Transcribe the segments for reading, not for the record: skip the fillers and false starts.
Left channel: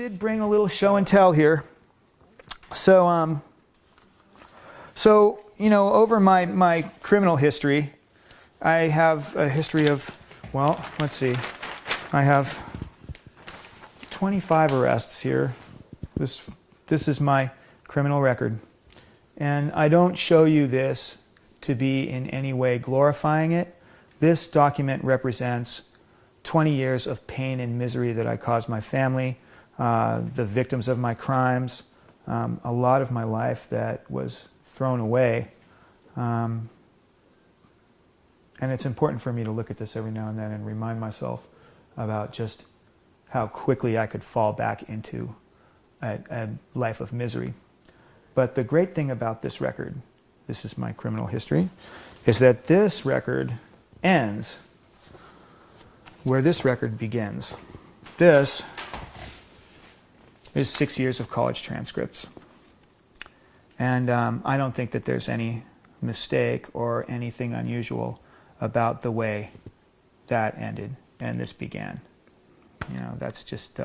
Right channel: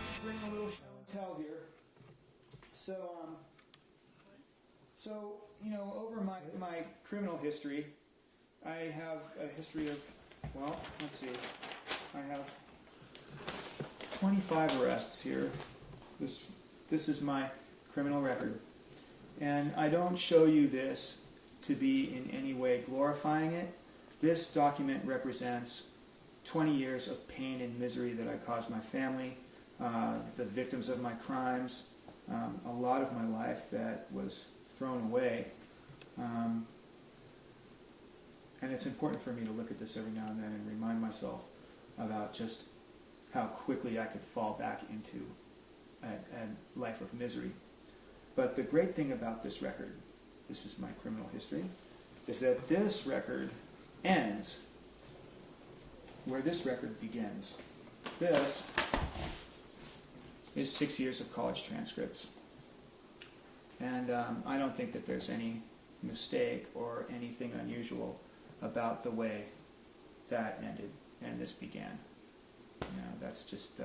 did bring a little show and tell here. So you know, over my criminal history, I have a history of, well, let's see, I have 25 arrests here. This is my criminal record. And I don't show you this to be in any way glorifying it. This document represents 20 years of pain and misery that I caused my family, the victims of my crimes, a lot of my life that was thrown away. And it's important for me to look at this every now and then and remind myself about just how quickly I could fall back into a life of misery. But the great thing about this record, this is my criminal history, is that this record ends where this record begins. This is 6 years of college transcripts. And I don't think that there's any mistake or anything unusual about the way that ended and this began. You know, that's just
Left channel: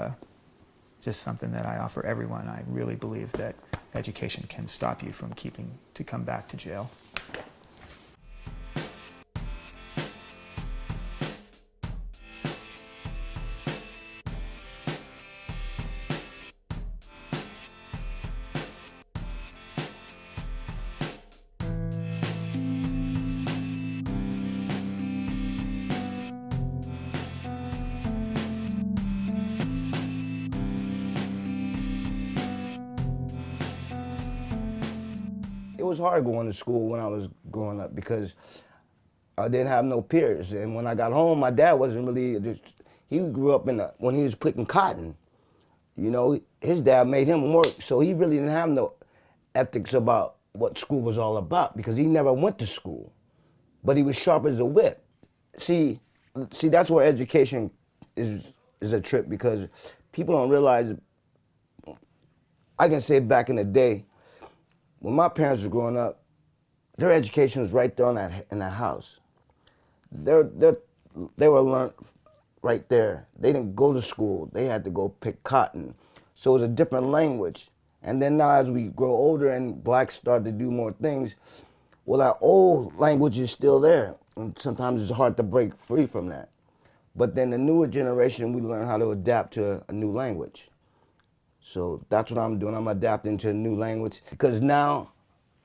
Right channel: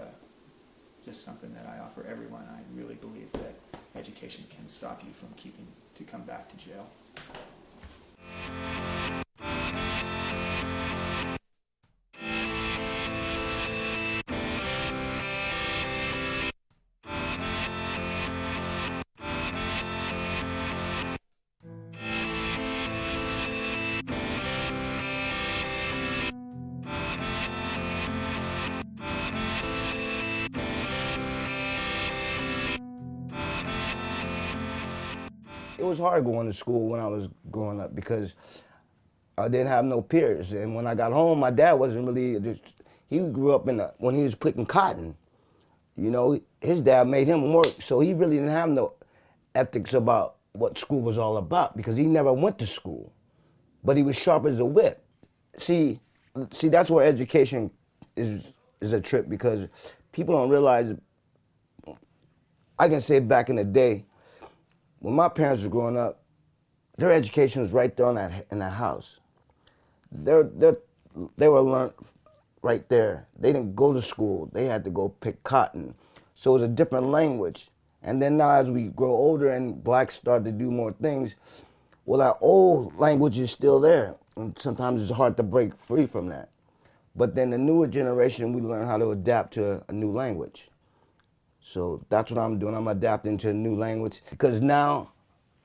something that I offer everyone. I really believe that education can stop you from to come back to jail. It was hard going to school when I was growing up because I didn't have no peers. And when I got home, my dad wasn't really, he grew up when he was picking cotton. You know, his dad made him work, so he really didn't have no ethics about what school was all about because he never went to school. But he was sharp as a whip. See, that's where education is a trip because people don't realize, I can say back in the day, when my parents were growing up, their education was right there in that house. They were learned right there. They didn't go to school. They had to go pick cotton. So it was a different language. And then now as we grow older and blacks start to do more things, well, our old language is still there. And sometimes it's hard to break free from that. But then the newer generation, we learn how to adapt to a new language. So that's what I'm doing. I'm adapting to a new language because now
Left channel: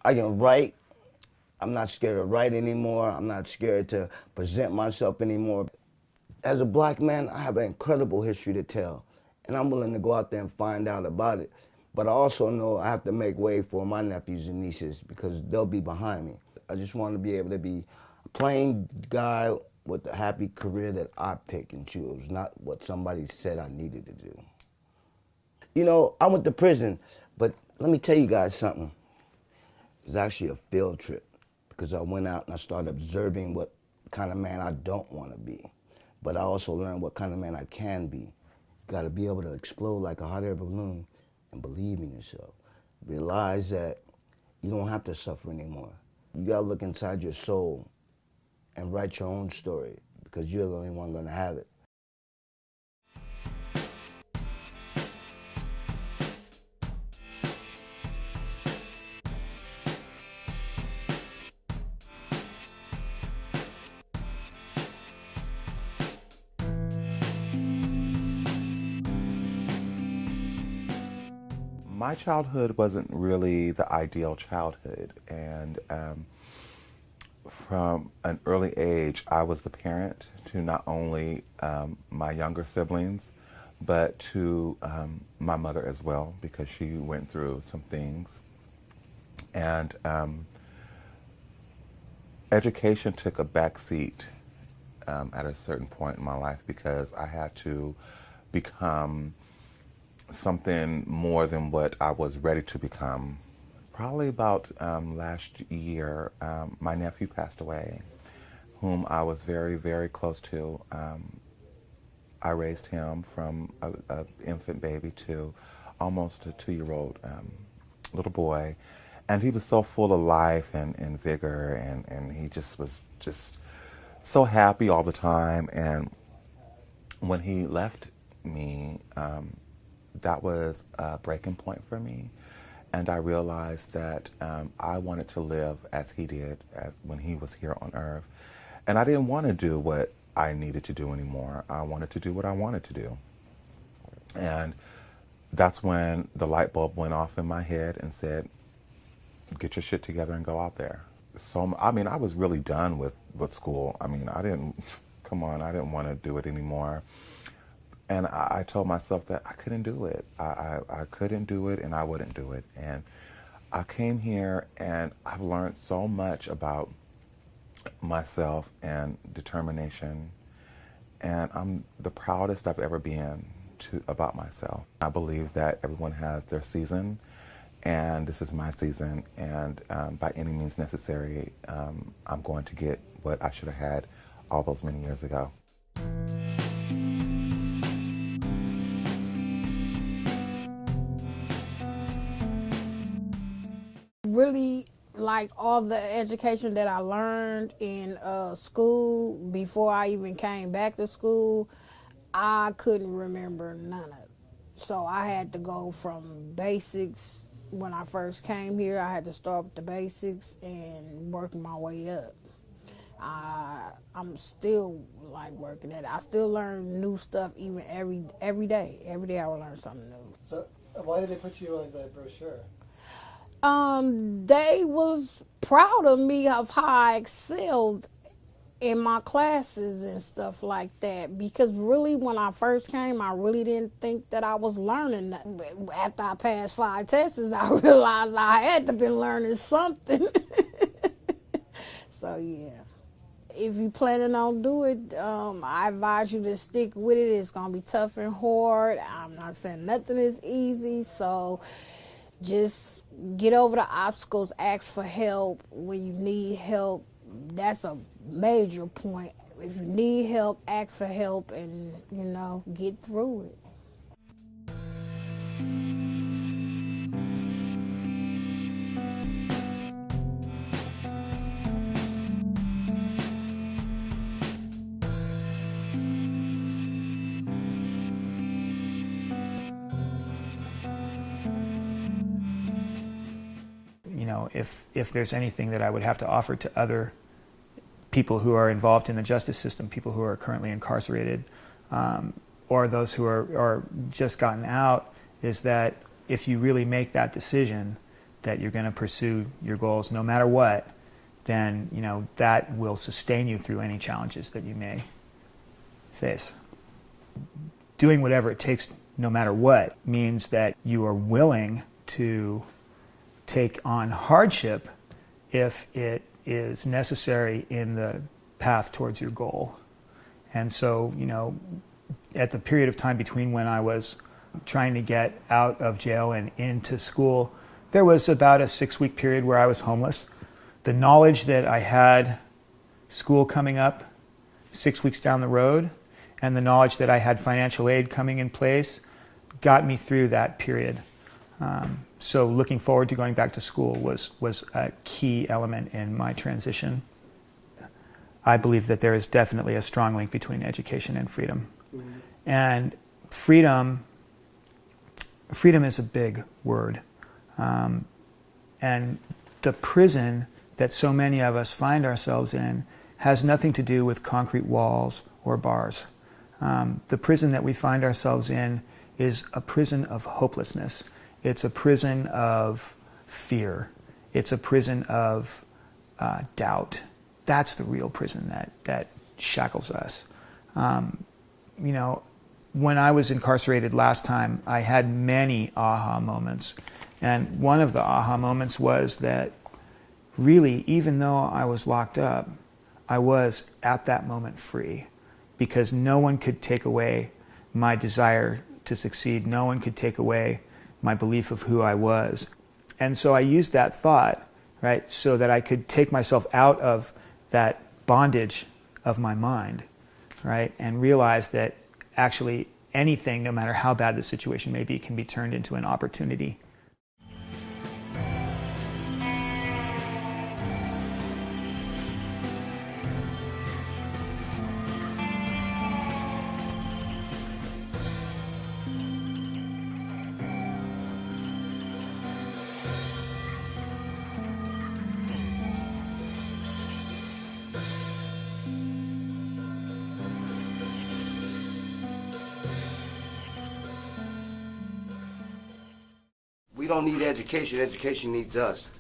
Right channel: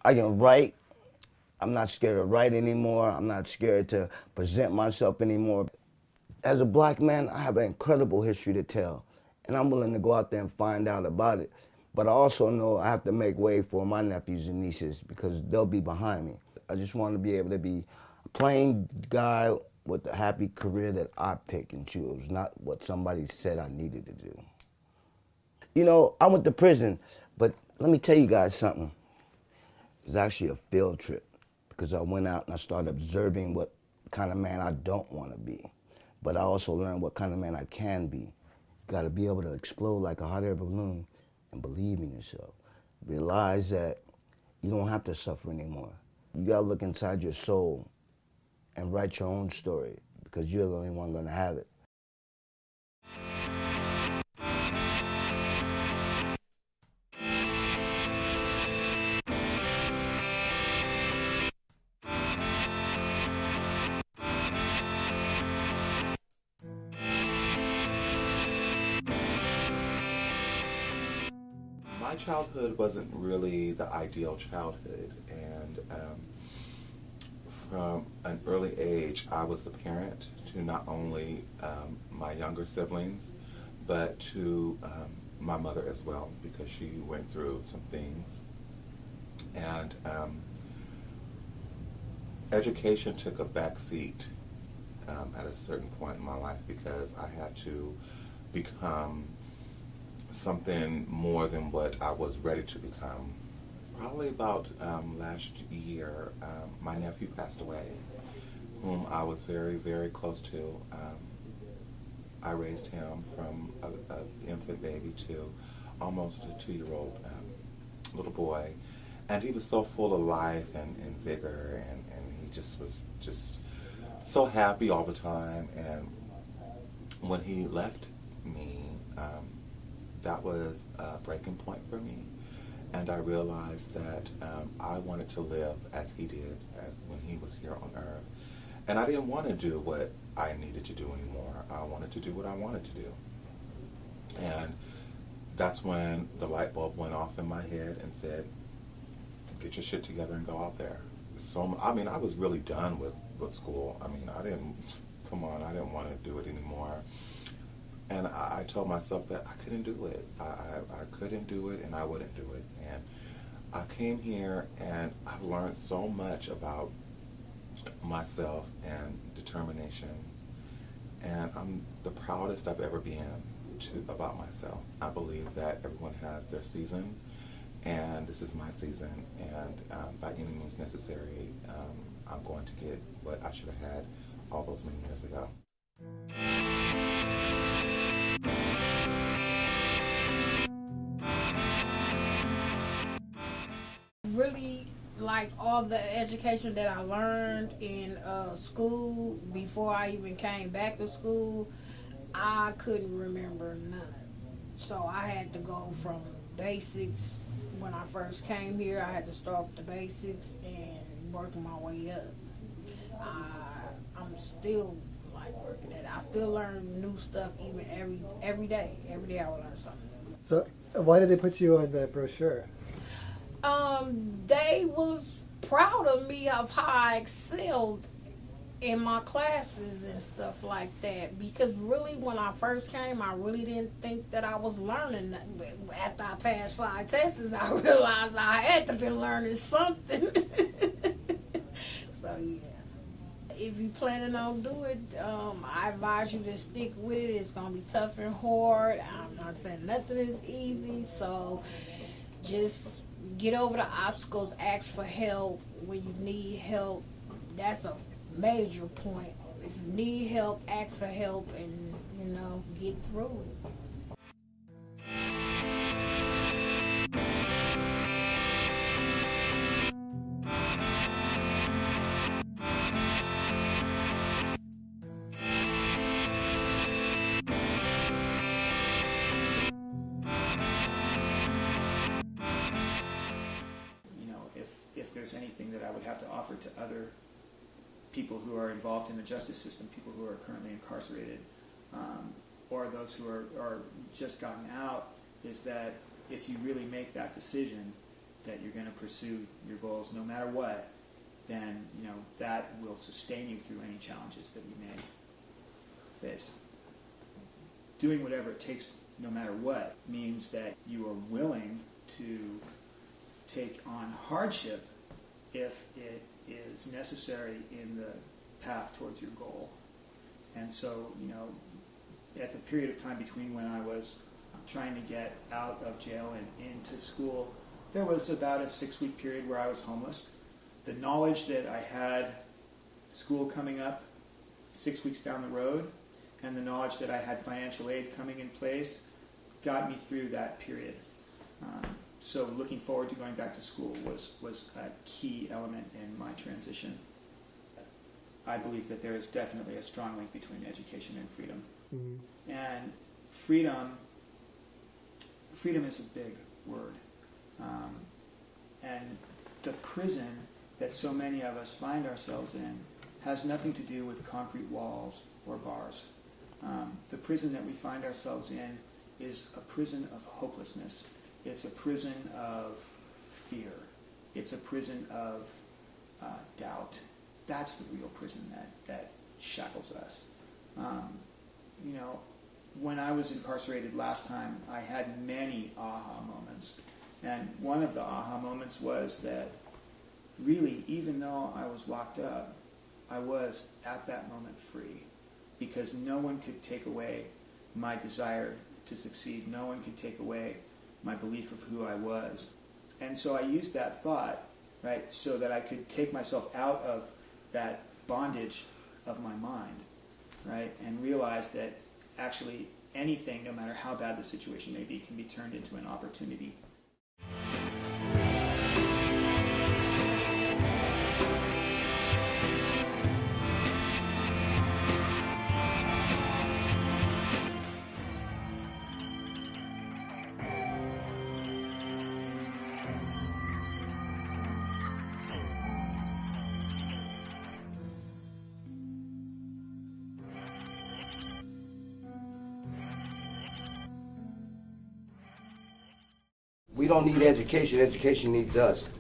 I can write. I'm not scared to write anymore. I'm not scared to present myself anymore. As a black man, I have an incredible history to tell, and I'm willing to go out there and find out about it. But I also know I have to make way for my nephews and nieces because they'll be behind me. I just want to be able to be a plain guy with a happy career that I pick and choose, not what somebody said I needed to do. You know, I went to prison, but let me tell you guys something. It was actually a field trip because I went out and I started observing what kind of man I don't want to be. But I also learned what kind of man I can be. You got to be able to explode like a hot air balloon and believe in yourself. Realize that you don't have to suffer anymore. You got to look inside your soul and write your own story because you're the only one going to have it. My childhood wasn't really the ideal childhood, and from an early age, I was the parent to not only my younger siblings, but to my mother as well, because she went through some things. And education took a backseat at a certain point in my life because I had to become something more than what I was ready to become. Probably about last year, my nephew passed away, whom I was very, very close to. I raised him from an infant baby to almost a 2-year-old little boy. And he was so full of life and vigor, and he just was just so happy all the time. And when he left me, that was a breaking point for me. And I realized that I wanted to live as he did, as when he was here on earth. And I didn't want to do what I needed to do anymore. I wanted to do what I wanted to do. And that's when the light bulb went off in my head and said, get your shit together and go out there. So, I mean, I was really done with school. I mean, I didn't want to do it anymore. And I told myself that I couldn't do it. I couldn't do it, and I wouldn't do it. And I came here, and I've learned so much about myself and determination. And I'm the proudest I've ever been about myself. I believe that everyone has their season, and this is my season. And by any means necessary, I'm going to get what I should have had all those many years ago. Really, like all the education that I learned in school before I even came back to school, I couldn't remember none of it. So I had to go from basics. When I first came here, I had to start with the basics and work my way up. I'm still like working at it. I still learn new stuff even every day. Every day I will learn something new. So why did they put you on that brochure? They was proud of me of how I excelled in my classes and stuff like that, because really when I first came, I really didn't think that I was learning nothing. After I passed 5 tests, I realized I had to be learning something. So yeah, if you planning on doing it, I advise you to stick with it. It's gonna be tough and hard. I'm not saying nothing is easy, so just get over the obstacles, ask for help when you need help. That's a major point. If you need help, ask for help and, get through it. If there's anything that I would have to offer to other people who are involved in the justice system, people who are currently incarcerated, or those who are just gotten out, is that if you really make that decision that you're going to pursue your goals no matter what, then that will sustain you through any challenges that you may face. Doing whatever it takes no matter what means that you are willing to take on hardship if it is necessary in the path towards your goal. And so, at the period of time between when I was trying to get out of jail and into school, there was about a 6-week period where I was homeless. The knowledge that I had school coming up 6 weeks down the road, and the knowledge that I had financial aid coming in place got me through that period. So looking forward to going back to school was a key element in my transition. I believe that there is definitely a strong link between education and freedom. Mm-hmm. And freedom is a big word. And the prison that so many of us find ourselves in has nothing to do with concrete walls or bars. The prison that we find ourselves in is a prison of hopelessness. It's a prison of fear. It's a prison of doubt. That's the real prison that shackles us. When I was incarcerated last time, I had many aha moments. And one of the aha moments was that really, even though I was locked up, I was at that moment free, because no one could take away my desire to succeed. No one could take away my belief of who I was. And so I used that thought, right, so that I could take myself out of that bondage of my mind, right, and realize that actually anything, no matter how bad the situation may be, can be turned into an opportunity. don't need education. Education needs us.